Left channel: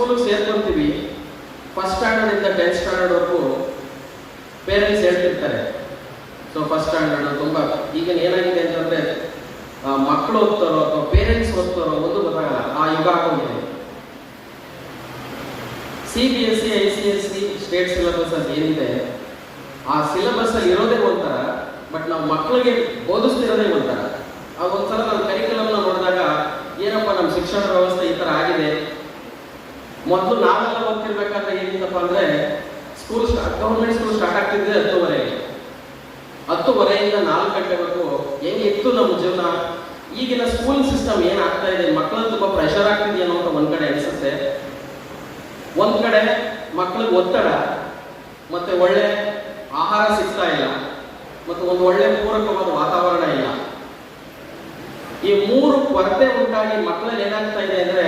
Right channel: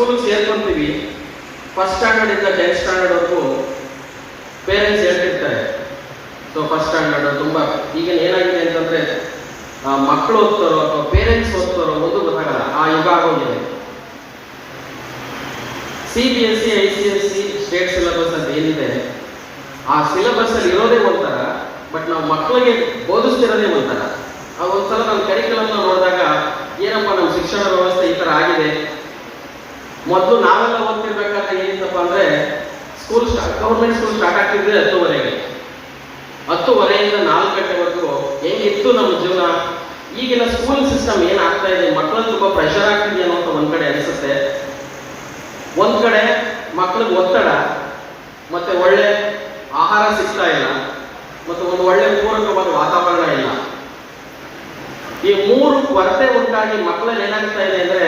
ಸ್ಕೂಲಿಗೆ ಸೇರ್ಕೊಂತೀವಿ, first ಸ್ಟ್ಯಾಂಡರ್ಡಿಂದ 10th ಸ್ಟ್ಯಾಂಡರ್ಡ್ವರೆಗೂ parents ಹೇಳ್ತಿರ್ತಾರೆ. So first standard ತುಂಬ ಈಗ ಏನಾಗಿದೆ ಅಂತಂದರೆ ಮಕ್ಕಳು ಓದ್ತಾರೋ ಅಥವಾ ಪೇರೆಂಟ್ಸ್ ಓದ್ತಾರೋ ಒಂದು ಗೊತ್ತಾಗಲ್ಲ, ಆ ಯುಗ ಆಗೋಗಿದೆ. CBSE, ICSE ಸ್ಟೇಟ್ ಸಿಲೆಬಸ್ ಅಂತ ಏನಿದೆ, ಆ ಸಿಲೆಬಸ್ಸಲ್ಲಿ ಇರೋದೇ ಒಂಥರ, ಬಟ್ ನಾವು ಮಕ್ಕಳಿಗೆ ಬೋಧಿಸ್ತಿರೋದೇ ಒಂಥರ. ಆ ಒಂದ್ಸಲ ನಮ್ಮ ಕರಿಕ್ಯುಲಮ್ನ ನೋಡಿದಾಗ ಏನಪ್ಪ ನಮ್ಮ ಶಿಕ್ಷಣ ವ್ಯವಸ್ಥೆ ಈ ಥರ ಆಗಿದೆ. ಮೊದಲು ನಾವೆಲ್ಲ ಓದ್ತಿರ್ಬೇಕಾದ್ರೆ ಏನಿತ್ತಪ್ಪ ಅಂದರೆ ಗೌರ್ಮೆಂಟ್ ಸ್ಕೂಲ್ ಸ್ಟಾರ್ಟ್ ಆಗ್ತಿದ್ರೆ 10:30ಗೆ, 10:30ಯಿಂದ 4 ಗಂಟೆವರೆಗೂ ಹೆಂಗಿತ್ತು ನಮ್ಮ ಜೀವನ. ಈಗಿನ ಸ್ಕೂಲ್ ಸಿಸ್ಟಮ್ ಏನಾಗ್ತಾ ಇದೆ, ಮಕ್ಕಳಲ್ಲಿ ತುಂಬ ಪ್ರೆಷರ್ ಆಗ್ತಿದೆ ಅನ್ನೋದು ಒಂದು ಕಡೆ ಅನಿಸುತ್ತೆ. ಒಂದು ಕಡೆ ಮಕ್ಕಳಿಗೆ ಒತ್ತಡ, ಮತ್ತೆ ಒಳ್ಳೆ ಆಹಾರ ಸಿಗ್ತಾ ಇಲ್ಲ, ಮತ್ತು ಒಂದು ಒಳ್ಳೆ ಪೂರಕವಾದ ವಾತಾವರಣ ಇಲ್ಲ. ಈ 3 ಕೊರತೆ ಉಂಟಾಗಿ ಮಕ್ಕಳಲ್ಲಿ ಏನಾಗ್ತಾ ಇದೆ ಅಂದರೆ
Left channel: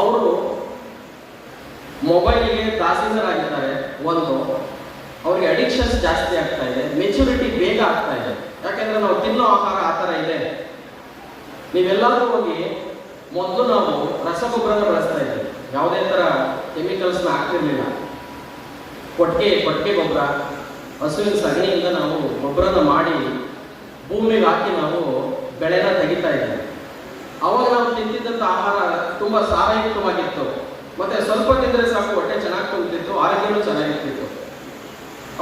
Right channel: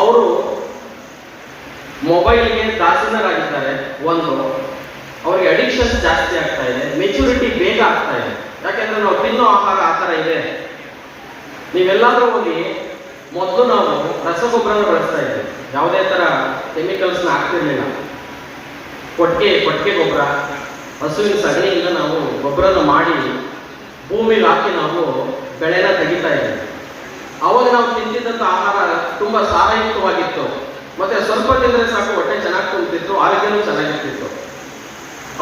ಅವರು ಮೊಬೈಲ್ಗೆ ದಾಸೀನರಾಗಿದ್ದಾರೆ. ಒಂದು, ಅವ್ರಿಗೆ ಅಡಿಕ್ಷನ್ಸ್ ಜಾಸ್ತಿ ಆಗ್ತಾ ಇದೆ, ಮೆಚುರಿಟಿ ಬೇಗ ಆಗ್ತಾ ಇದೆ. ಯಾಕೆಂದ್ರೆ ನಾವು ತಿನ್ನೋ ಆಹಾರ ಆ ಥರ ಇದೆ. ನೀವೆಲ್ಲಾದ್ರೂ ಹೋಗಿ ಮೊದಲು ನಾವು ರಸಗೊಬ್ಬರನ ಬಳಸ್ತಾ ಇದ್ದೇವೆ, ಯಾವುದೇ ಥರ ಕೆಮಿಕಲ್ಸ್ನ ಹಾಕ್ತಿರ್ಲಿಲ್ಲ. ಕೊಟ್ಟಿಗೆ ಗೊಬ್ಬರ, ಹಸುವಿನ ಸಗಣಿಯಿಂದ ನಾವು ಗೊಬ್ಬರನ ಮಾಡಿ ಭೂಮಿಗೆ ಹಾಕಿ ನಾವು ಬೆಳೆನ ತೆಗಿತಾ ಇದ್ದೇವೆ. ಅವಾಗ ನಾವು ತಿಂತಿದ್ದಂಥ ಆಹಾರ ತುಂಬ ಸಾರಯುಕ್ತವಾಗಿತ್ತು, ಮತ್ತೆ ಸ್ವಲ್ಪ ತಿಂದರೆ ಸಾಕು ಹೊಟ್ಟೆ ಚೆನ್ನಾಗಿ ತುಂಬಿತ್ತು, ಆರೋಗ್ಯನೂ ಚೆನ್ನಾಗಿರ್ತಿತ್ತು.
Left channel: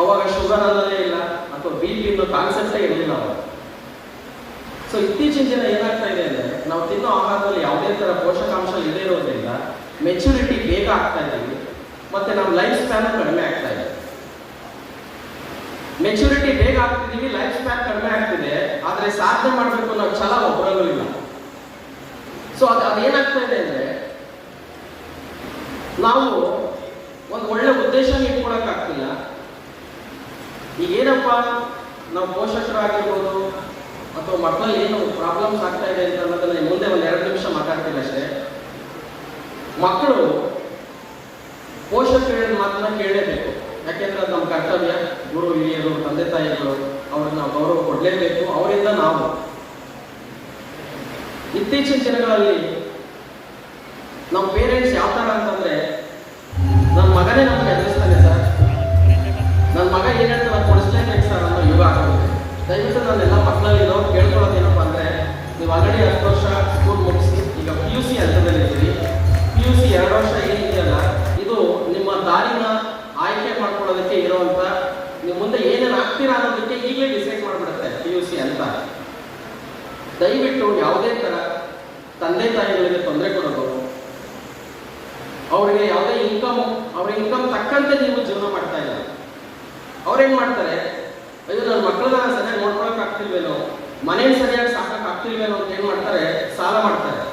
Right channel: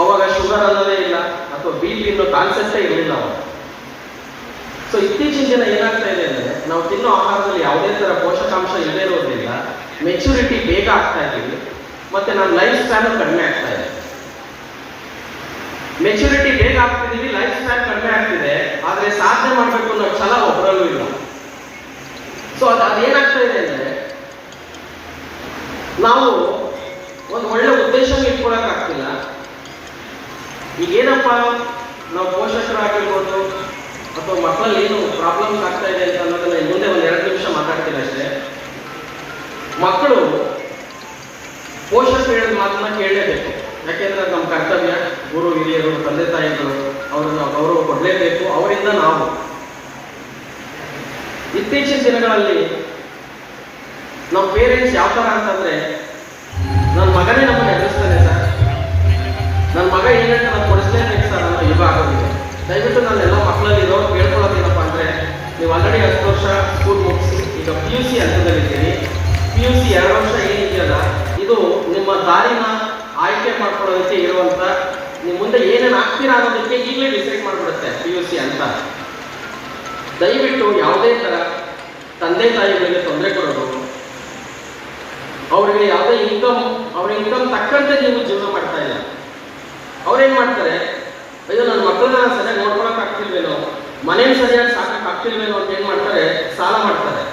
ಅವಾಗ ಶುಗರ್ ಅನ್ನೋದೇ ಇಲ್ಲ, ಅಥವಾ BP ಅನ್ನೋ ಕಾನ್ಸೆಪ್ಟೇ ಇರಲಿಲ್ಲ ಅವಾಗ. ಸೊ ಇತ್ತೀಚಿನ ದಿನ ಏನಾಗ್ತಾ ಇದೆ ಅಂದರೆ ನಾವು ತಿನ್ನೋ ಆಹಾರದಲ್ಲಿ ಯಾವುದೇ ಥರ ಪೋಷಕಾಂಶ ಇಲ್ಲದೇ ಇರೋದ್ರಿಂದ ಮೆಚುರಿಟಿ ಬೇಗ ಆಗ್ತಾ ಇದ್ದೀವಿ, ಮತ್ತೆ ನಮ್ಮ ಲೈಫ್ ಸ್ಪ್ಯಾನು ಕಡಿಮೆ ಆಗ್ತಾ ಇದೆ. ಮೆಚುರಿಟಿ ಬೇಗ ಆಗ್ತಿದ್ದೀವಿ, ಲೈಫ್ ಸ್ಪ್ಯಾನ್ ಕಡಿಮೆ ಆಗ್ತಿದೆ, ಆದರೆ ಸಾಧನೆ ಮಾಡಬೇಕು ಅನ್ನೋ ಛಲ ಒಬ್ಬರಲ್ಲೂ ಇಲ್ಲ. ಸೊ ಅದೇನಾಗ್ತಾ ಇದೆ ಅಂದರೆ ನಾವು ಒಂದು ಒಳ್ಳೆ ಉದ್ದೇಶನ ಇಟ್ಕೊಳಕ್ಕಾಗ್ತಿಲ್ಲ. ಈಗೇನಪ್ಪ ನಾವು ಪೋಷಕರಾಗಿರ್ಬೋದು ಅಥವಾ ಮಕ್ಕಳಲ್ಲಿ ಏನು ಪ್ರಾಬ್ಲಮ್ಸ್ ಆಗ್ತಾ ಇದೆ ಅಂತ ಅನ್ನೋದನ್ನ ಮುಂದೆ ಒಂದು 2 ನಿಮಿಷ ಮಾತಾಡ್ತೀನಿ ಅಷ್ಟೇ. ಮಕ್ಕಳು ಪೋಷಕರು ಹೇಳಿದ ಮಾತನ್ನ ಕೇಳಲೇಬೇಕು, ಯಾಕೆಂದ್ರೆ ನಮ್ಮ ಕರ್ತವ್ಯ. ಗುರು ಹಿರಿಯರು, ತಂದೆ ತಾಯಿಗಳು, ಅವ್ರನ್ನ ಗೌರವ ಕೊಡಲೇಬೇಕು. ಅವರಿಂದ ನಾವು ಇತ್ತೀಚಿನ ದಿನಗಳಲ್ಲಿ ನಮ್ಮ ಪೇರೆಂಟ್ಸ್ ಯಾವ ಥರ ಅಂತಂದರೆ, ನನ್ನ ಮಗನೇ ನಮಗೆ ಎದುರಿಸ್ತಾನೆ ಸರ್, ನನ್ನ ಮಗ ಏನಂತ ನಾನು ಕೊಡಿಸ್ಲೇಬೇಕು ಸರ್ ಅನ್ನೋ ಯುಗ ಆಗೋಗಿದೆ. ದಯವಿಟ್ಟು ನಾನೆಲ್ಲ ಮಕ್ಕಳಲ್ಲಿ ಇರೋರು ಕೇಳ್ಕೊಳ್ಳೋದೇನಪ್ಪ ಅಂದರೆ, ನೀವು ಆಲ್ರೆಡಿ 10 ವರ್ಷ ಸ್ಕೂಲ್ ಮುಗಿಸಿ ಈಗ PUC ಹಂತದಲ್ಲಿದ್ದೀರಿ. PUC 2 ವರ್ಷ ಏನಿದೆಯಲ್ಲ, ಇದು ನಿಮ್ಮ ದಾರಿನ ಆಯ್ಕೆ ಮಾಡ್ಕೊಳ್ಳೋದಕ್ಕೆ ಇರುವಂಥ, ನೀವು ಮುಂದೆ ಏನೇನು ಆಗ್ತೀರಾ ಅನ್ನೋದಕ್ಕೆ ಈಗಲೇ ಡಿಸೈಡ್ ಮಾಡಿಬಿಡುತ್ತೆ PUC ಅಂತ. ದಯವಿಟ್ಟು ಯಾವುದೇ ಥರ ತಂದೆ ತಾಯಿಗಳಿಗೆ ತೊಂದರೆ ಕೊಡೋದು, ಅವರಿಗೆ ಯಾವುದೇ ಅವ್ರ ಇನ್ಕಮ್ ತಕ್ಕಂತೆ ನೀವು ಜೀವನ ಮಾಡ್ತಾ ಇಲ್ಲ. ಅವ್ರೇನು ಮಾಡ್ತಾರೆ, ಅಯ್ಯೋ ನನ್ನ ಮಕ್ಕಳನ್ನ ನಾನು ಸರಿಯಾಗಿ ನೋಡ್ಕೊಳಕ್ಕೆ ಆಗ್ತಿಲ್ವೇನೋ, ಮನೇಲಿ ಸರಿಯಾಗಿ ಸಾಕಕ್ಕೆ ಆಗ್ತಿಲ್ವೇನೋ ಅಂತ ಏನು ಮಾಡ್ತಾರೆ, ಸಾಲ ಮಾಡ್ತಾರೆ.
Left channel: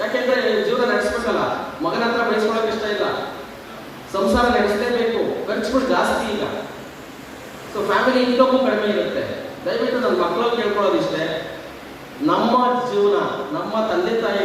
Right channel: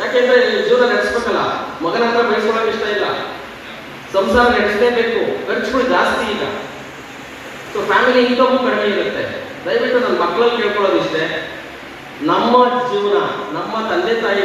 ಯಾಕೆಂದ್ರೆ ಜೀವನ ನಡೆಸ್ಬೇಕಲ್ಲ, ಮಗನ ಹತ್ರ ಬೆಳೆಸ್ಕೊಳಕ್ಕೆ ಇಷ್ಟ ಇಲ್ಲ, ಸಂಸಾರ ನಡೆಸಲೇಬೇಕು, ಖರ್ಚುಗಳು ಜಾಸ್ತಿ ಇಲ್ಲ. ಸೊ ಫ್ಯಾಮಿಲಿ ಇನ್ಕಮು ಕಡಿಮೆ ಇರುತ್ತೆ. ದಯವಿಟ್ಟು ನನ್ನ ಮಕ್ಕಳಲ್ಲಿ ಕೇಳ್ಕೊಳ್ಳೋದಿಷ್ಟೇ, ನಮ್ಮ ಜೀವನ ನಮ್ಮ ತಂದೆ ತಾಯಿ